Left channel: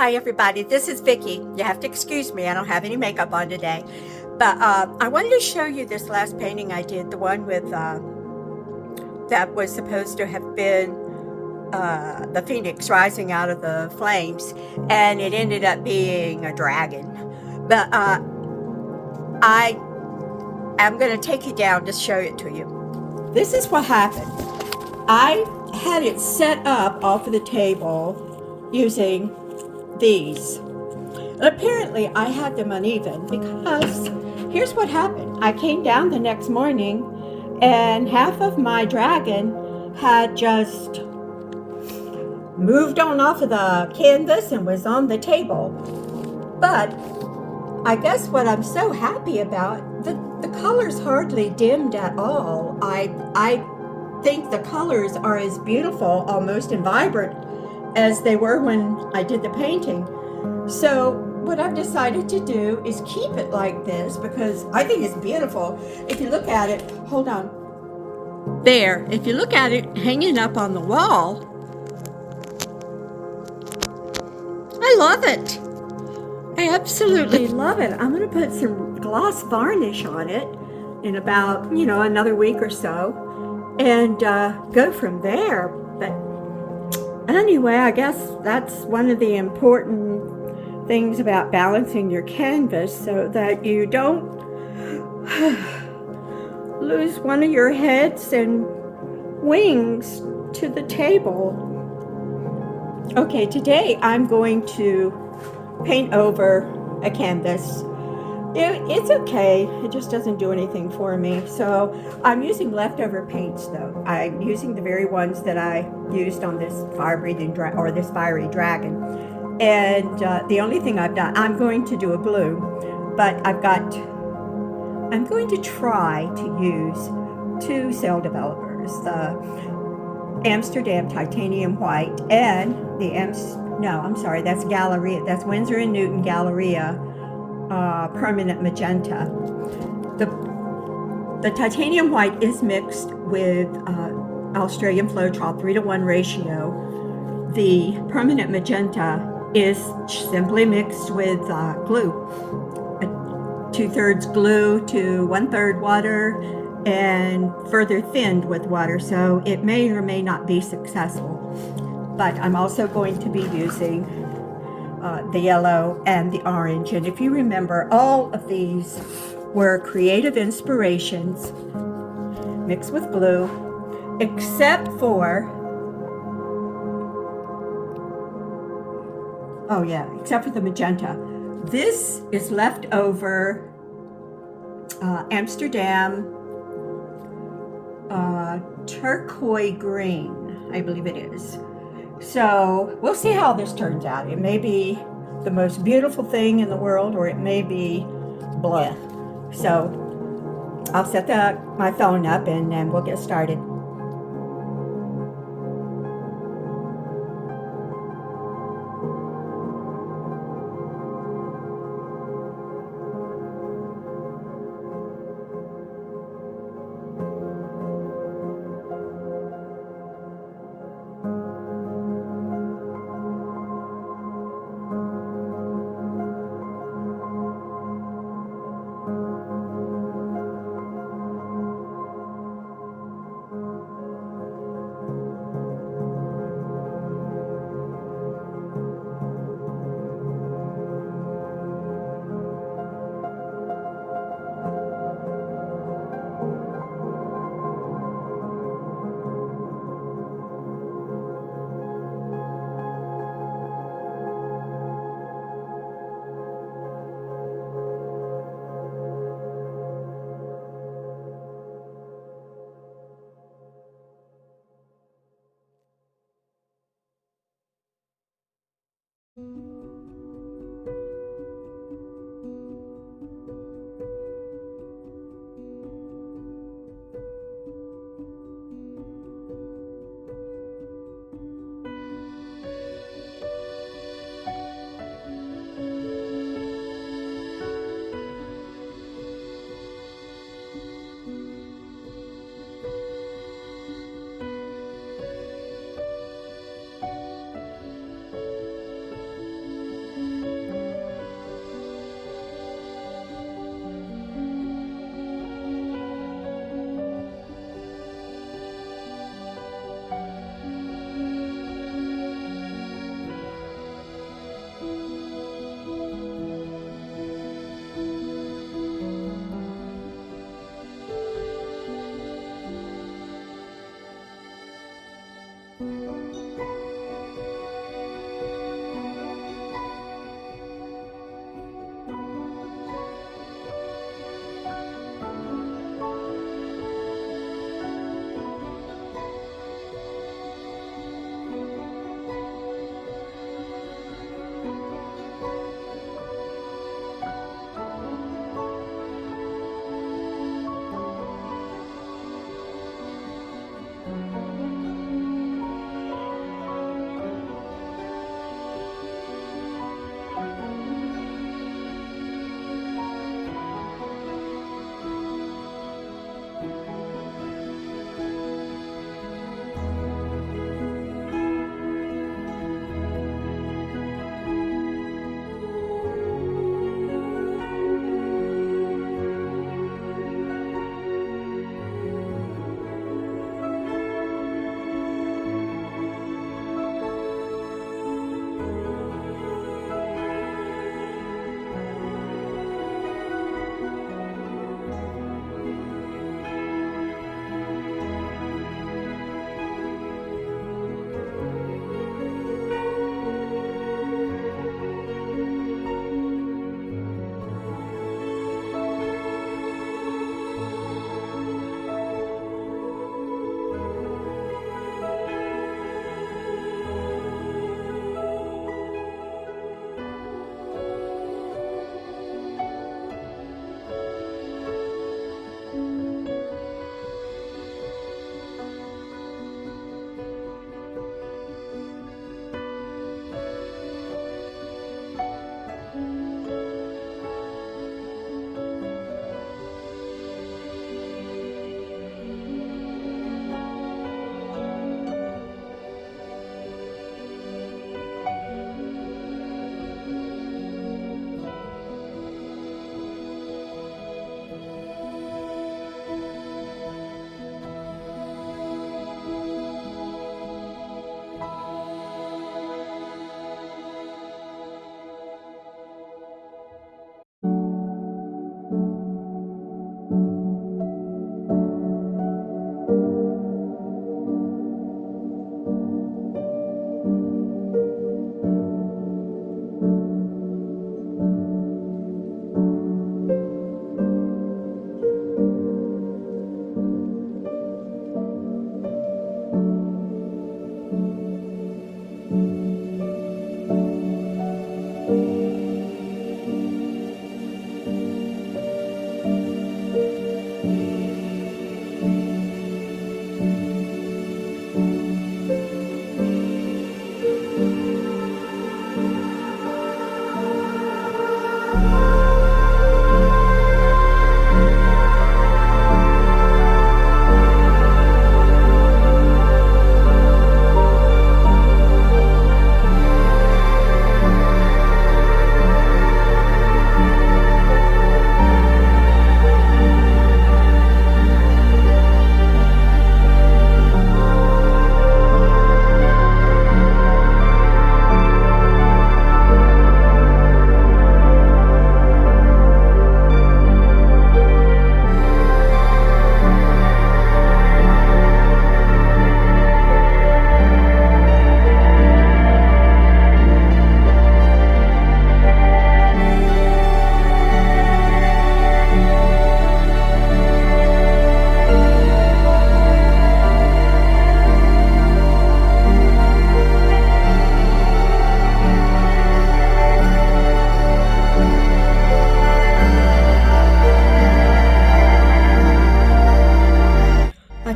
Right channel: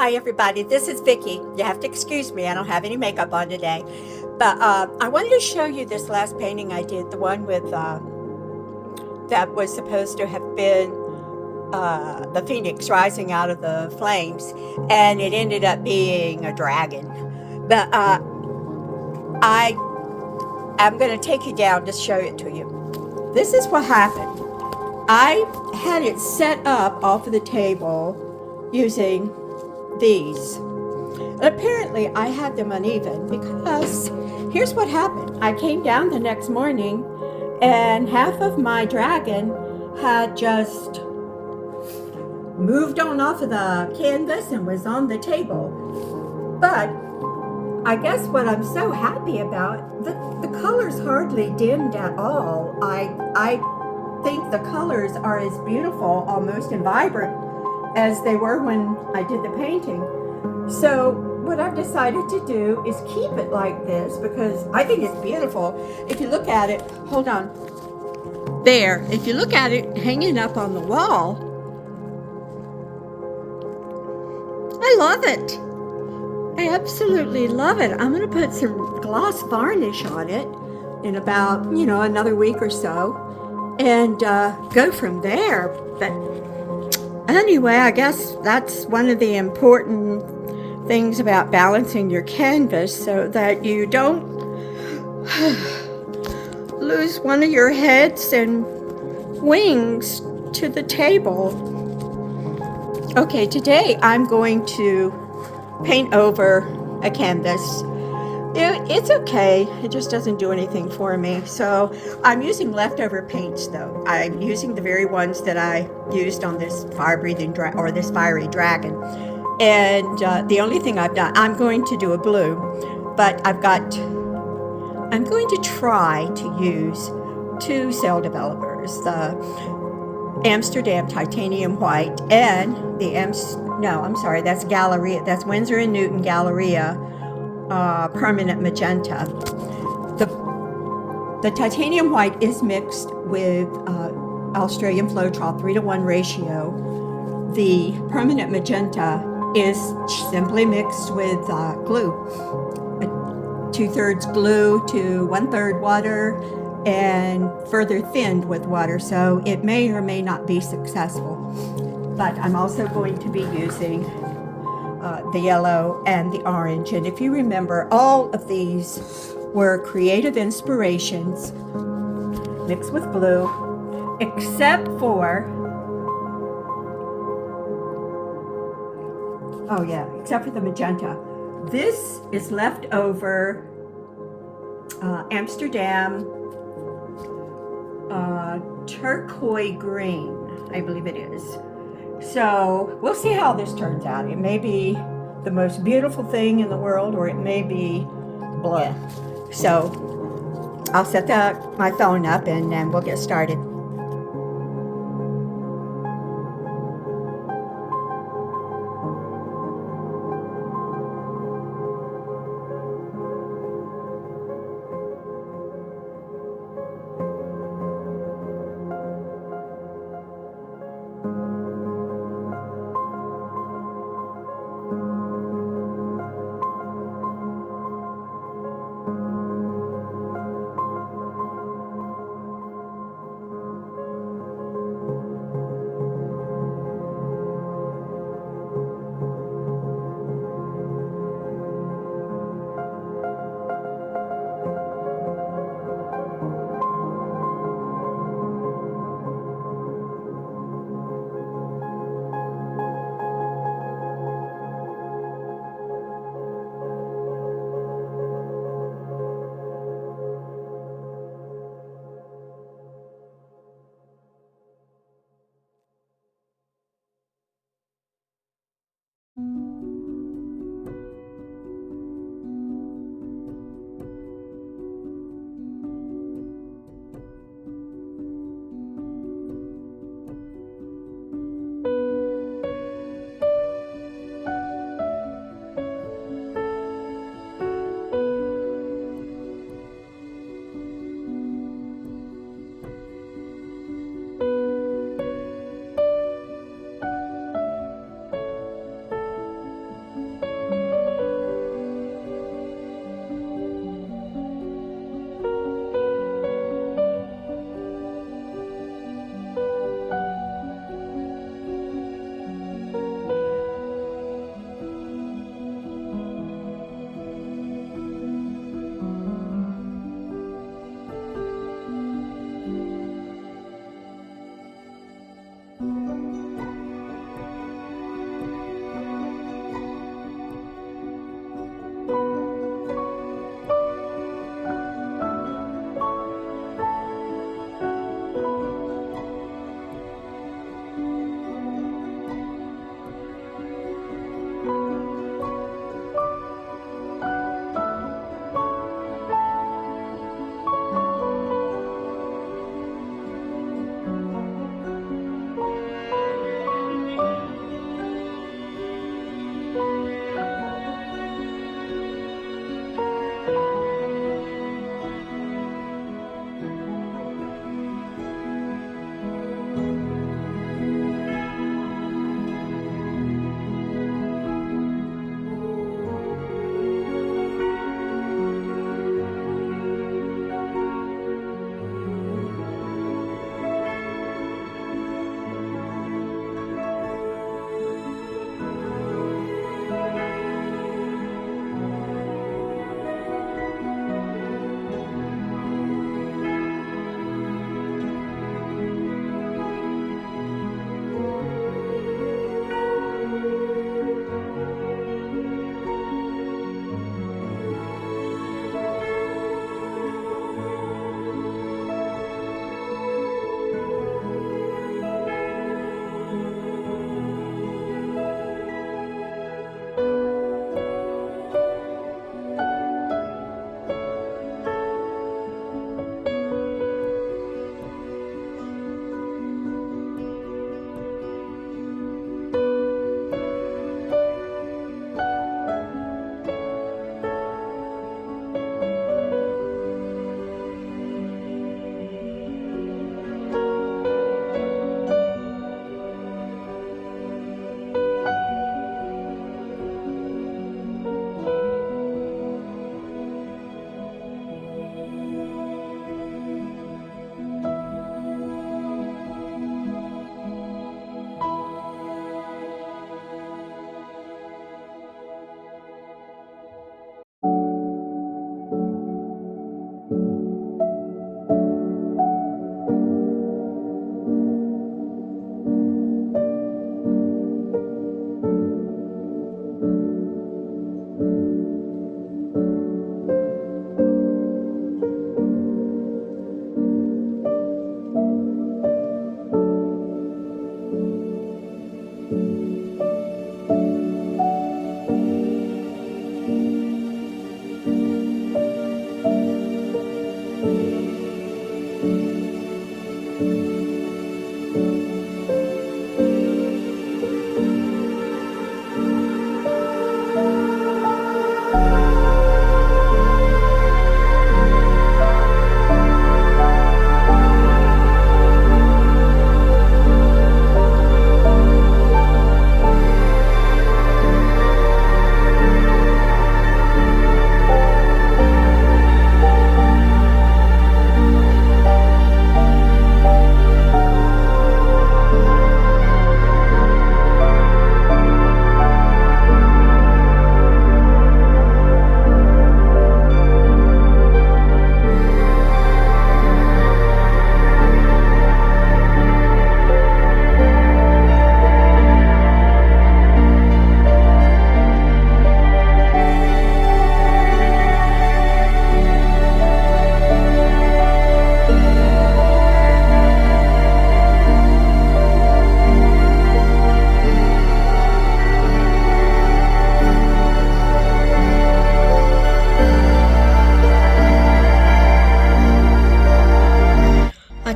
Hi everybody, this is Vicki. You have to excuse me, I don't have any makeup on today. But I wanted to show you this last painting I did, the one with that was supposed to have been the phoenix rising out of the flames, and it ended up being a dragon. But I am going to take you down to show it to you. This is what happened. I had it set up off of the table using these. And apparently I had them uneven because here's what happened. I came down the next morning and half of my dragon had just moved on off of the canvas and was on the table. But I guess what I'm so happy about, the colors hardly dimmed at all. I think the colors are as beautiful almost and vibrant as they were when I did the painting. So what I've decided to do is keep it like this because I think it's beautiful. If you look at it, hold on. There, if you look at it hanging up on the wall, I love it. I absolutely love it. I'm going to put some gloss varnish on it in about, another week or so and go from there. But anyway, I guess that's one of the important things about balancing your canvas so that you don't lose one of your heads and wings to the table. Okay, today I'm going to paint over a canvas. It's okay, it just doesn't do anything for me. So I'm using leftover paints though. I'm using the very ones that I used on this fire-breathing this fiery dragon. And the only thing I've done, I'm going to do a blue, but I'm going to try to use two cell developers, the Amsterdam Titanium White and that's Galleria, that's Winsor & Newton Galleria Permanent Magenta. The Titanium White is mixed with Australian Floetrol 3:1 ratio. The Permanent Magenta is simply mixed with glue, 2/3 glue to 1/3 water, and further thinned with water, so it may or may not be successful. But I'm also going to be using the yellow and the orange, and if you remember, all of these were creative inspirations mixed with glue, except for the magenta. This is leftover Amsterdam turquoise green, I believe it is. So we'll see how this turns out. It may be the most beautiful thing in the world, or it may be bleh. So I'll set my phone up and then we'll get started.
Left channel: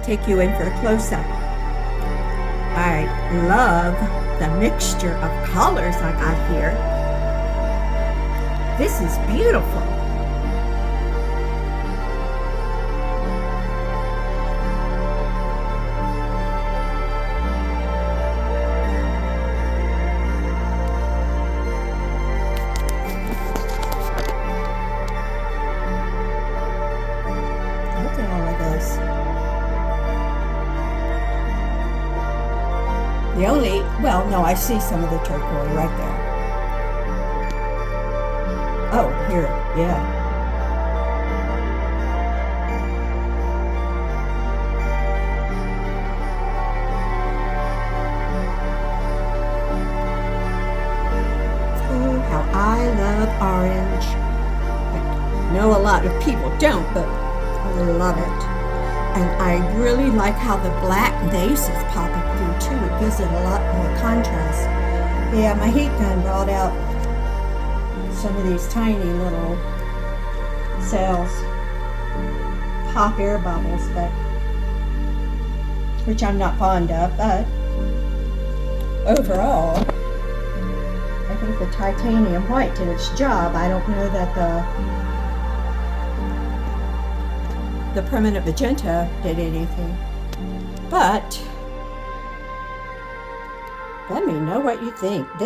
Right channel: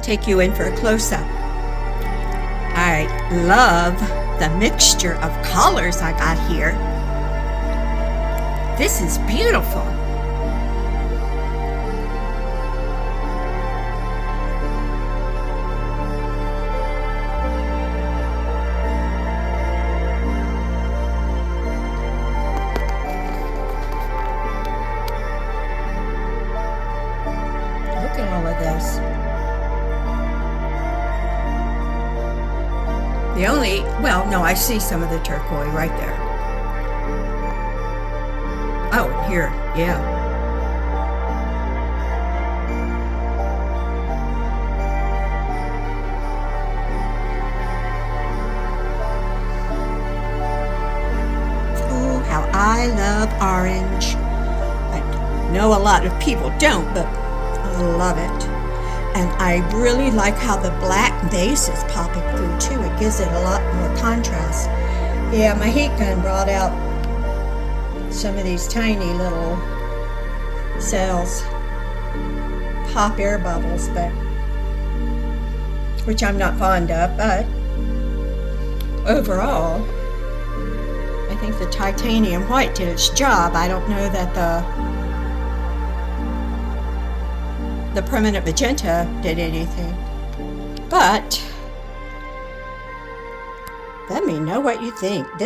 take you in for a close-up. I love the mixture of colors I got here. This is beautiful. Look at all of this. Well, no, I see some of the turquoise right there. Oh, here, yeah. love orange. I know a lot of people don't, but I love it. And I really like how the black base is popping through too. It gives it a lot more contrast. Yeah, my heat gun brought out some of these tiny little cells, pop air bubbles, but which I'm not fond of, but overall, I think the titanium white did its job. I don't know that the permanent magenta did anything, but let me know what you think. This